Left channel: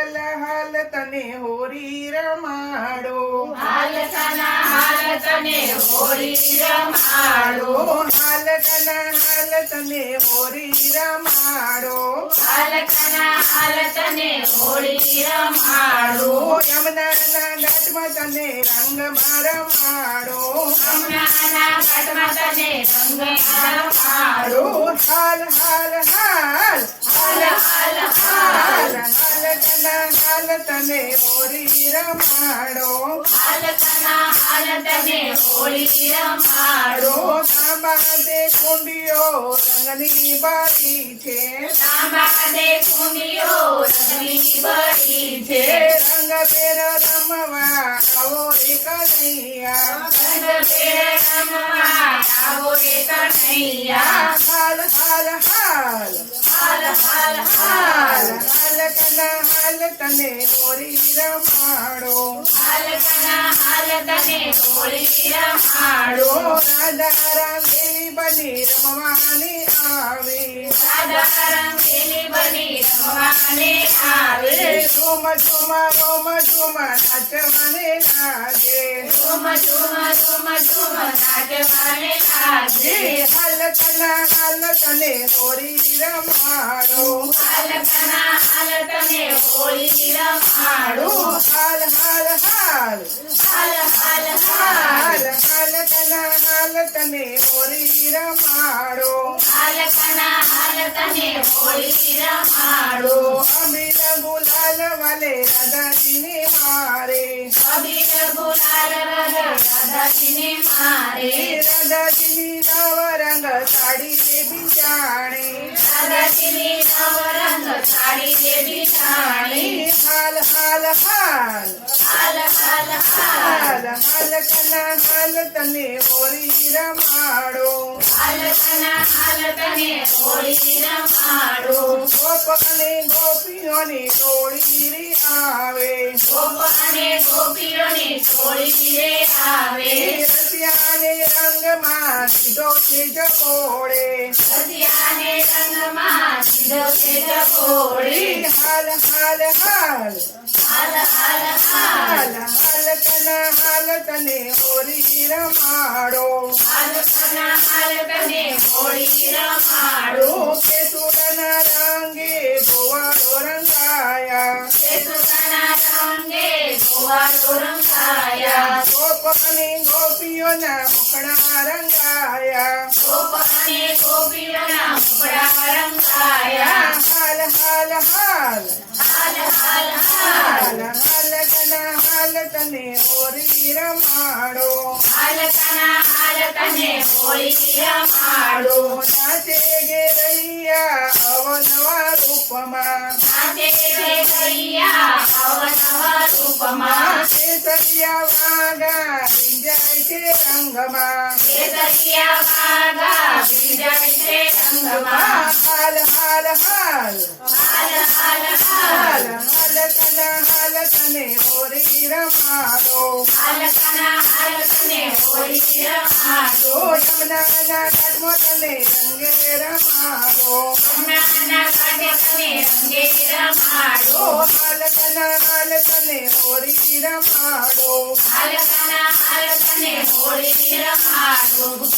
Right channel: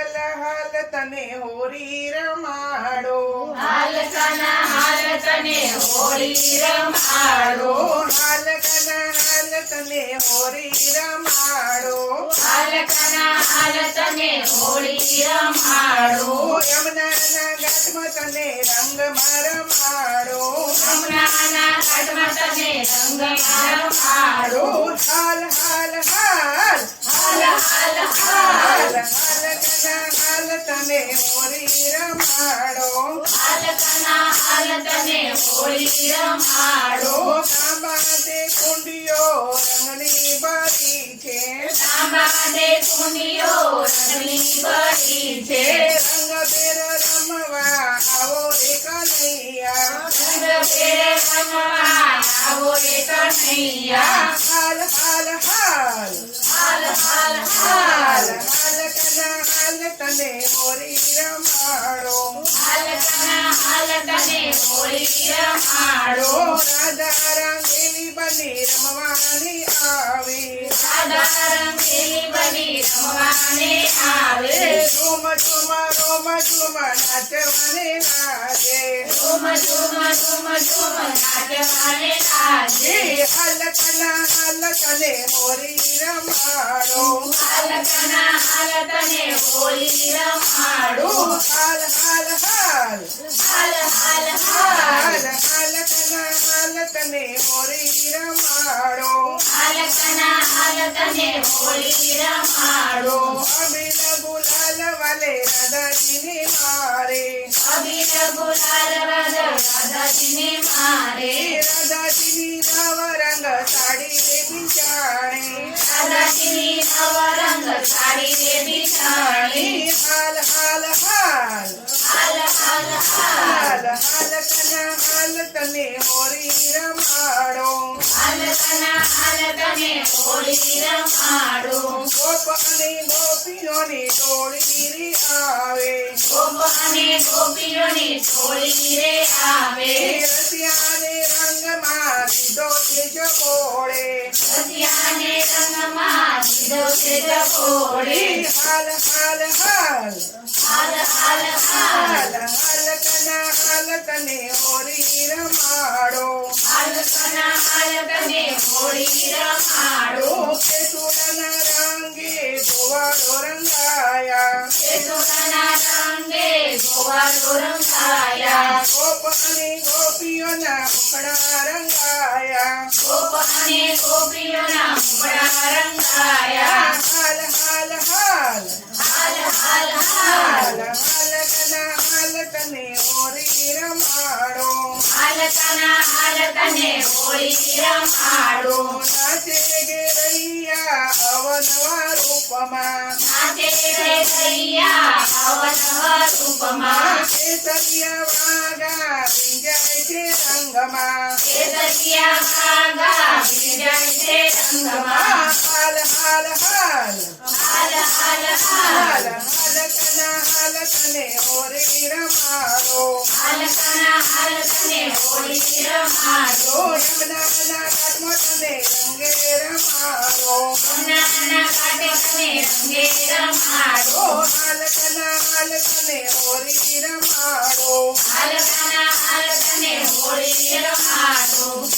હાલ હાલ તને હોરી રમાડો. હાલ કના હાલ તને હોળી રમાડો. હાલ કલા હાલ તને હોરી રમાડો. હાલ કના હાલ તને હોળી રમાડો. યમુનાના ઘાટમાં તને રંગ રમાડો. હમણાંના ઘાટમાં તને રંગ રમાડો. હાલ હાલ હાલ. હાલ હાલ હાલ. હાલ હાલ તને હોરી રમાડો. હાલ કના હાલ તને હોળી રમાડો. તાંબા દે કુંડીઓ રંગની બારી છે. તાંબા દે કુંડીઓ રંગની બળી છે. રંગ પેર રમવા આવો એક નૈયા રંગ પેર રંગવા આવો રે કનૈયા. હાલ હાલ હાલ. हाल हाल हाल। हाल कना हाल तने होरी रमाड़ो। हाल कना हाल तने होरी रमाड़ो। राधा रंगेली बनी रमवानी आवे। राधा रंगेली बनी रमवानी आवे। झूम झूम रोम झूम नाचवाने लागे। झूम झूम झूम झूम नाचवाने लागे। हाल कना हाल બાલકને મોરી રમાડો. બાલકના બાલકને હાલ હાલ હાલ. હાલ હાલ હાલ. હાલ હાલ તને મોરી રમાડો. હાલ કના હાલ તને મોરી રમાડો. અમીર ગુલાલ વાલે રાધાજીને મારે. અમીર ગુલાલ राधा तिने मारे राधा तिने नवरंग साडीले बिचाणे राधा तिने नवरंग साडीले बिचाणे हाल हाल. हाल हाल हाल. हाल हाल कना हाल तने होरी रमाडो. हाल कना हाल तने होरी रमाडो. ગોપીઓને ટોળી રે આવે. ગોપ અને ગોપીઓને ટોળી રે આવે. રસિયાને રંગમાં સીધો છે જકોળે રસિયાને રંગમાં સીધો છે જકોળે હાલ હાલ હાલ. હાલ હાલ હાલ. હાલ કના હાલ તને હોરી રમાડો. હાલ કના હાલ તને હોરી રમાડો. કે તુળના રંગે ગોવાળો રંગાયા ગોપ અને ગોપીઓના મુખડા રંગાયા ગોપ અને ગોપીઓના મુખડા રંગાયા હાલ હાલ હાલ હાલ હાલ હાલ હાલ તના હાલ તને ઓરી રમાડો હાલ તના હાલ તને ઓરી રમાડો નાચે રૂપમાં નાચે રે ગૈયા અવનવ રૂપમાં કેસરિયા વાગા વિંજાય છે રંગમાં કેસરિયા વાગા બીજાય છે રંગમાં હાલ હાલ હાલ હાલ હાલ હાલકને હોરી રમાડો. હાલકના હાલકને હોરી રમાડો. યમુનાના કાટમો તમે રંગે રમાડો. યમુનાના કાટે તમે રંગે રમાડો. હાલકના હાલકને હોરી રમાડો. હાલકના હાલકને હોરી રમાડો.